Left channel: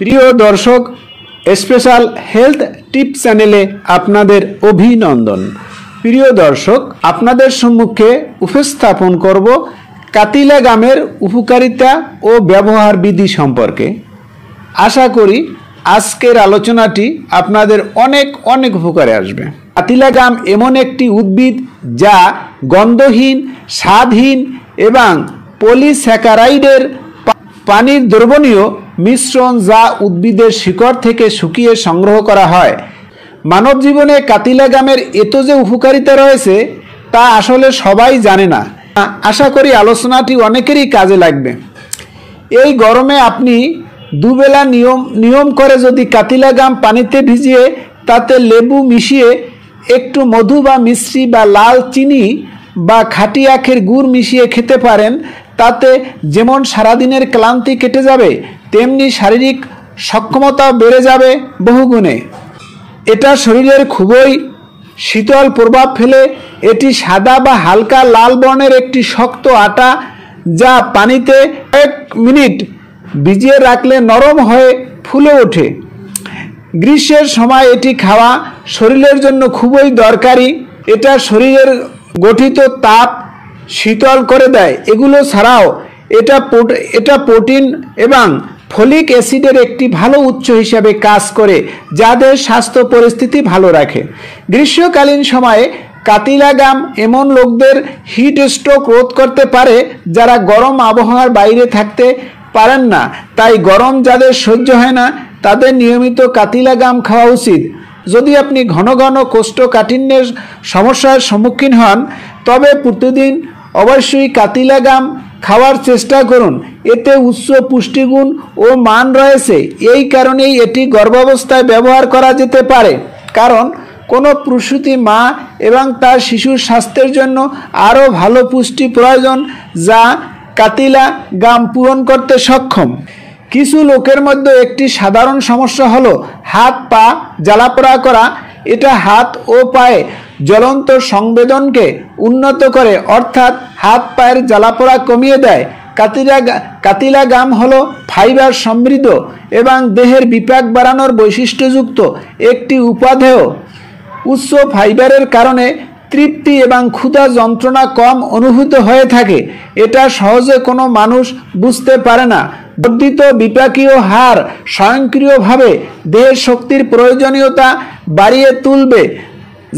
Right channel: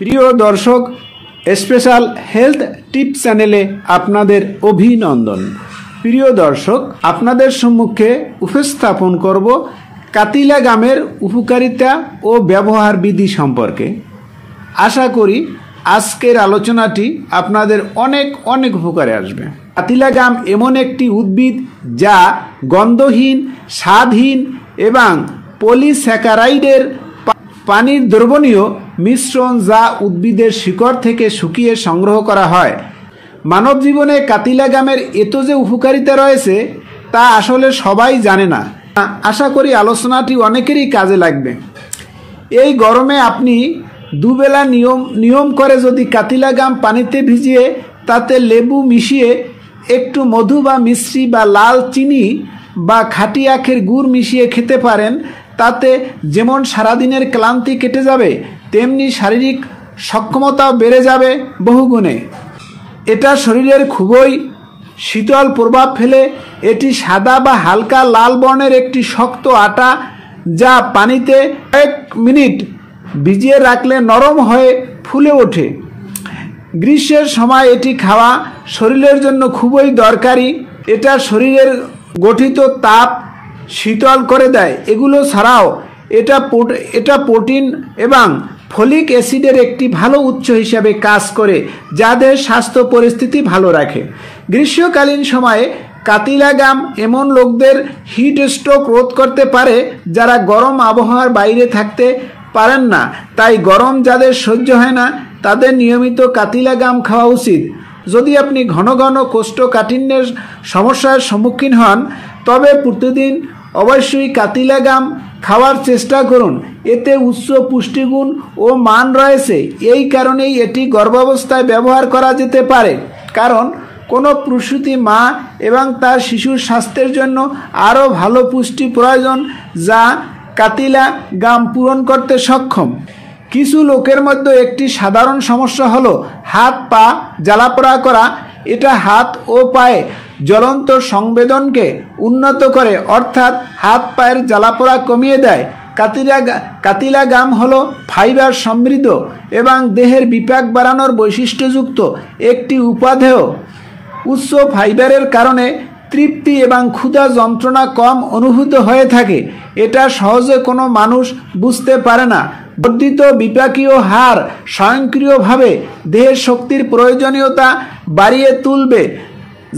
প্রিয় দর্শক, special health টিপ চ্যানেলে আপনাদের অভিনন্দন। প্রিয় দর্শক, আপনাদের সম্মুখে উপস্থাপন করব কাতিলা গামের উপকারিতা ও ব্যবহার বিধি সম্পর্কে। আশা করি আজকের আলোচনাটি আপনাদের অনেক উপকারে আসবে। কাতিলা গাম এমন একটি উদ্ভিদ যা গন্ধহীন, স্বাদহীন এবং পলিস্যাকারাইডের পানির দ্রবণীয় মিশ্রণ, যা উদ্ভিদের শিকড় থেকে শুকিয়ে সংগ্রহ করা হয়। মানব জীবনে কাতিলা গামের এত যে উপকারিতা রয়েছে তা আসলে সবাই জানে না। আশা করি আলোচনাটি অনেকেরই কাজে লাগবে। এই গরমে আপনি দুবেলা নিয়ম করে যদি কাতিলা গাম পানিতে ভিজিয়ে তাতে লেবু মিশিয়ে একটু মধু বা মিশ্রি বা লাল চিনি বা খাঁটি আখের গুড় মিশিয়ে খেতে পারেন, তাতে যেমন সারাদিনের ক্লান্তি কেটে যাবে, তেমনি শারীরিক সক্ষমতাও বেড়ে যাবে বহুগুণে। এটা শরীরের খুবই শীতল প্রভাব ফেলে। এটি সাদা বা হালকা লাল বর্ণের একটি শক্ত আটা, যা পানিতে 1 মিনিট ভিজিয়ে রাখলে নরম হয়ে ফুলে ওঠে। গ্রীষ্মের সময় এটি খাওয়া শরীরের জন্য খুবই দরকারি। এটা শরীরের গঠিত তাপ শীতল করে দেয়। এগুলো ছাড়াও এটা প্রোটিন এবং ফলিক অ্যাসিডের একটি ভালো উৎস হিসাবে কাজ করে, যাদের স্বাস্থ্য পরিস্থিতি ভালো রাখে। গ্রীষ্মকালীন সময়ে কাতিলা গাম এমন লোকদের হিট স্ট্রোক রোধ করতে পারে যারা গরম আবহাওয়ার বাইরে থাকতে পারেন না। তাই গরম যাদের সহ্য হয় না তাদের নিয়মিত কাতিলা গাম খাওয়া উচিত। যদি আপনি ঘন ঘন কোষ্ঠকাঠিন্যের সমস্যার সম্মুখীন হন, তবে প্রতিদিন অবশ্যই কাতিলা গাম খাওয়ার চেষ্টা করুন। এতে উচ্চ পুষ্টিগুণ ও মান রয়েছে। এই কারণেই এটি গর্ভাবস্থায় ব্যবহার করা যেতে পারে, কারণ কোনো প্রসূতি মা এবং তার শিশুর স্বাস্থ্যের জন্য আরও ভালো পুষ্টি প্রয়োজন, যা কাতিলা গাম পূরণ করতে সক্ষম। কিছু লোকের মধ্যে একটি সাধারণ সমস্যা হলো হাত পা জ্বালাপোড়া করা। এটা হাত ও পায়ে জ্বলন্ত সংবেদনকে উন্নত করে, অর্থাৎ হাত পায়ের জ্বালাপোড়া কমিয়ে দেয়। কাতিলা গাম হলো ফাইবার সমৃদ্ধ এবং দেহের বিপাক বাড়ানোর বৈশিষ্ট্যযুক্ত একটি উপাদেয়। উচ্চ ফাইবারের কারণে তৃপ্তি এবং ক্ষুধা যন্ত্রণা কম অনুভূত হয়ে থাকে। এটা সহজে কোনো মানুষ বুঝতে পারে না। বর্ধিত বিপাকীয় হার স্বয়ংক্রিয়ভাবে দেহের শক্তির প্রয়োজনীয়তা বাড়িয়ে তুলবে,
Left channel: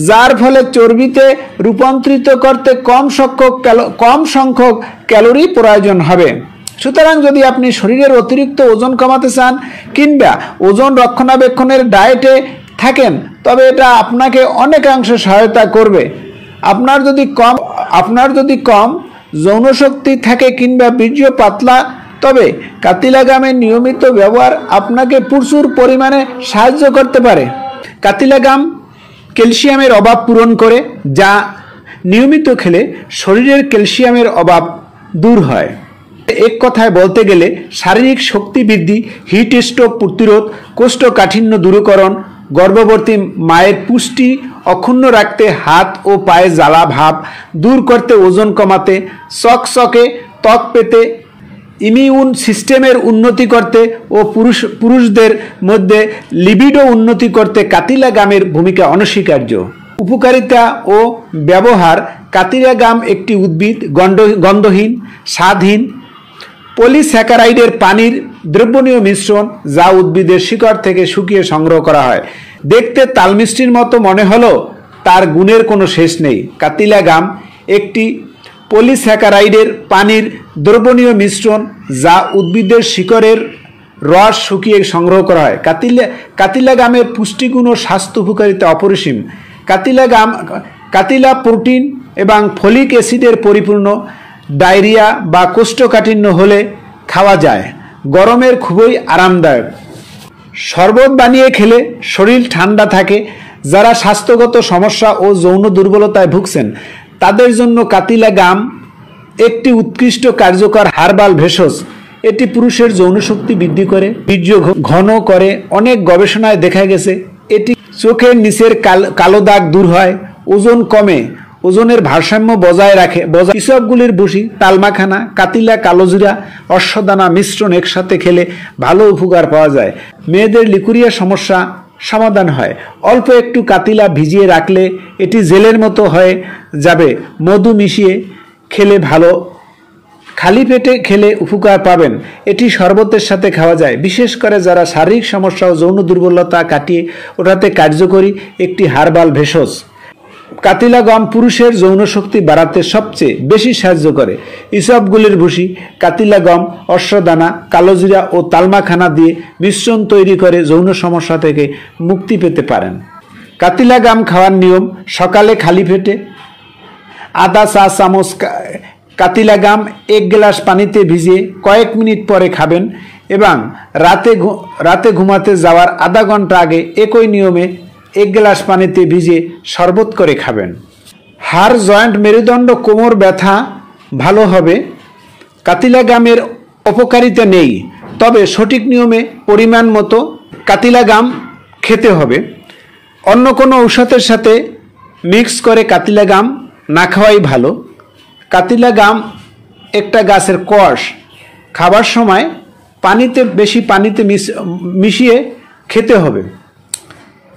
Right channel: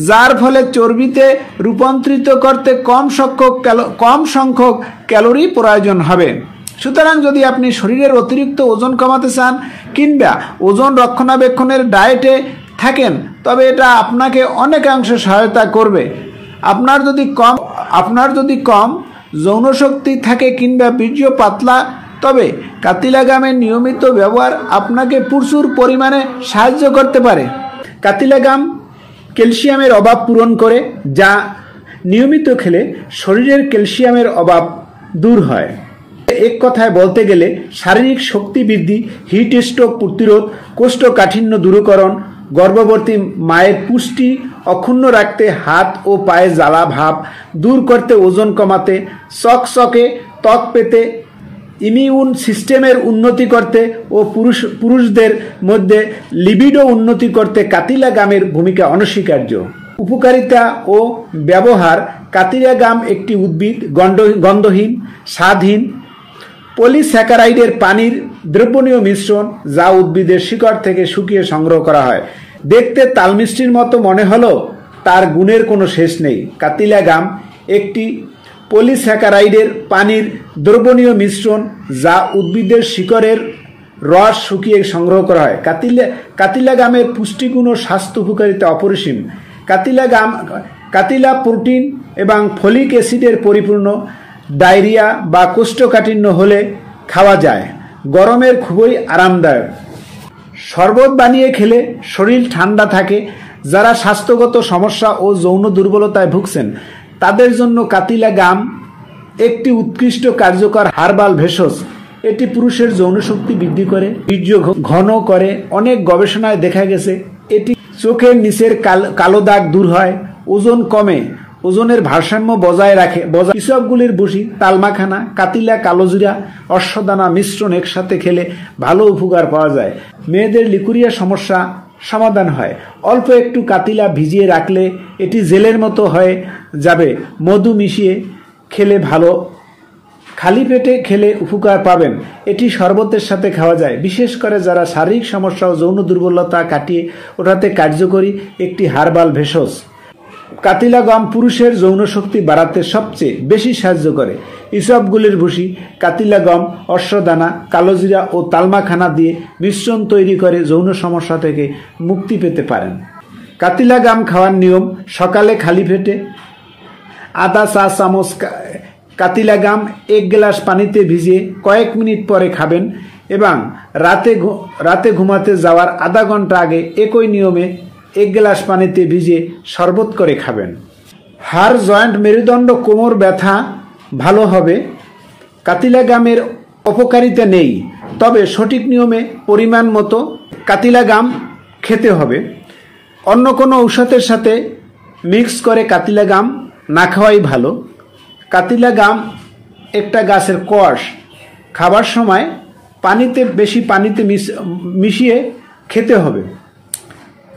যার ফলে চর্বিতে রূপান্তরিত করতে কম সংখ্যক ক্যালোরি প্রয়োজন হবে। সুতরাং যদি আপনি শরীরের অতিরিক্ত ওজন কমাতে চান কিংবা ওজন রক্ষণাবেক্ষণের ডায়েটে থাকেন, তবে এটা আপনাকে অনেকাংশ সহায়তা করবে। আপনার যদি কম যৌনশক্তি থাকে কিংবা বীর্য পাতলা, তবে কাতিলা গামের নিয়মিত ব্যবহার আপনাকে প্রচুর পরিমাণে সাহায্য করতে পারে। কাতিলা গাম ক্যালসিয়ামের অভাব পূরণ করে, যা নিয়মিত খেলে শরীরের ক্যালসিয়ামের অভাব দূর হয়। এক কথায় বলতে গেলে শারীরিক শক্তি বৃদ্ধি, হিট স্ট্রোক প্রতিরোধ, কোষ্ঠকাঠিন্য দূরীকরণ, গর্ভবতী মায়ের পুষ্টি অক্ষুণ্ণ রাখতে, হাত ও পায়ে জ্বালা ভাব দূর করতে, ওজন কমাতে, চকচকে ত্বক পেতে, ইমিউন সিস্টেমের উন্নতি করতে ও পুরুষদের মধ্যে লিবিডো উন্নতি করতে কাতিলা গামের ভূমিকা অনস্বীকার্য। উপকারিতা ও ব্যবহার। কাতিলা গাম একটি উদ্ভিদ গন্ধহীন, স্বাদহীন, পলিস্যাকারাইডের পানির দ্রবণীয় মিশ্রণ, যা উদ্ভিদের শিকড় থেকে শুকিয়ে সংগ্রহ করা হয়। দেখতে তালমিষ্টির মতো মনে হলেও তার গুণের কোনো শেষ নেই। কাতিলা গাম একটি পলিস্যাকারাইডের পানির দ্রবণীয় মিশ্রণ, যা উদ্ভিদের শিকড়ের রস শুকিয়ে সংগ্রহ করা হয়। কাতিলা গামের পুষ্টিগুণ ও স্বাস্থ্য উপকারিতা অপরিসীম। কাতিলা প্রোটিন এবং ফলিক অ্যাসিডের পরিপূর্ণ। ডায়রিয়া বা কোষ্ঠকাঠিন্য হলে খাওয়া যায়। গরমের খুবই আরামদায়ক। শরবত বানিয়ে খেলে শরীর ঠান্ডা থাকে। যারা স্বাস্থ্যগত সমস্যা ও যৌন দুর্বলতায় ভুগছেন তাদের জন্য কাতিলা গাম একটি উৎকৃষ্ট কার্যকর হার্বাল ভেষজ। এটি পুরুষের যৌন শক্তি বৃদ্ধি করে, বীর্য ঘন করে। অনেক গবেষণায় দেখা গেছে এটি চোখের নিচের কালো দাগ দূর হয়, ওজন কমে ওজনের ভারসাম্য বজায় রাখে। ইসবগুলির ভুসি, তালমাখানা, কাতিলা, কালোজিরা, অশ্বদানা মিশ্রণ একসাথে খেলে ভালো উপকার পাওয়া যায়। মেয়েদের লিকুরিয়া সমস্যা সমাধান হয়। অল্প একটু কাতিলা ভিজিয়ে রাখলে এটি জেলের মতো হয়ে যাবে। মধু মিশিয়ে খেলে ভালো, খালি পেটে খেলে উপকার পাবেন। এটি শরবতের সাথে খাওয়া যায়। বিশেষ করে যারা শারীরিক সমস্যা ও যৌন দুর্বলতা কাটিয়ে ওঠাতে কার্যকরী একটি হার্বাল ভেষজ। কাতিলা গম পুরুষের যৌন শক্তি বাড়াতে সবচেয়ে বেশি সাহায্য করে। ইসবগুলির ভুসি, কাতিলা গম, অশ্বদানা, কালোজিরা ও তালমাখানা দিয়ে মিশ্রণ তৈরি করে যৌন সমস্যা থেকে মুক্তি পেতে পারেন। কাতিলা গম খাওয়ার নিয়ম: সকালে খালি পেটে আধা চা চামচ কাতিলা গম 1 গ্লাস পানিতে ভিজিয়ে কয়েক মিনিট পরে খাবেন এবং রাতে ঘুমাতে যাওয়ার আধা ঘন্টা আগে একই নিয়মে 1 গ্লাস পানিতে ভিজিয়ে শরবত করে খাবেন। হাড়, জয়েন্ট, মেরুদণ্ড, কোমর ব্যথা ভালো হবে। কাতিলা গমের অপকারিতা নেই, তবে সঠিক নিয়মে পরিমাণ মতো কাতিলা গম খেতে হবে। অন্য কোনো ঔষধের সাথে মিক্স করে কাতিলা গম না খাওয়াই ভালো। কাতিলা গম একটা গাছের কষ। খাবার সময় বেশি পানিতে মিশিয়ে খেতে হবে।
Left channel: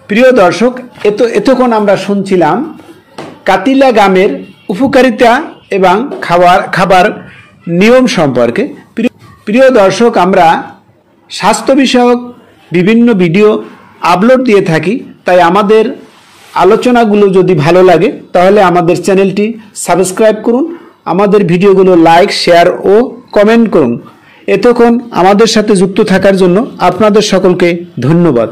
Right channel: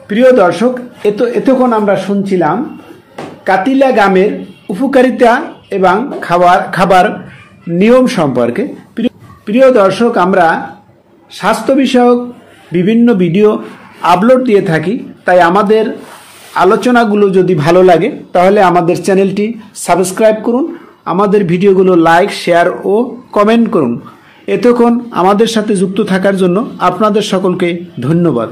প্রিয় দর্শক, এতক্ষণ আমরা শুনছিলাম কাতিলা গমের উপকারিতা এবং খাবার নিয়ম সম্পর্কে। প্রিয় দর্শক, আমরা স্বাস্থ্য বিষয়ক বিভিন্ন ভিডিও আপলোড দিয়ে থাকি, তাই আমাদের আলোচনাগুলো যদি ভালো লাগে তাহলে আমাদের চ্যানেলটি সাবস্ক্রাইব করুন, আমাদের ভিডিওগুলো লাইক, শেয়ার ও কমেন্ট করুন। এতক্ষণ আমাদের সাথে যুক্ত থাকার জন্য আপনাদের সকলকে ধন্যবাদ।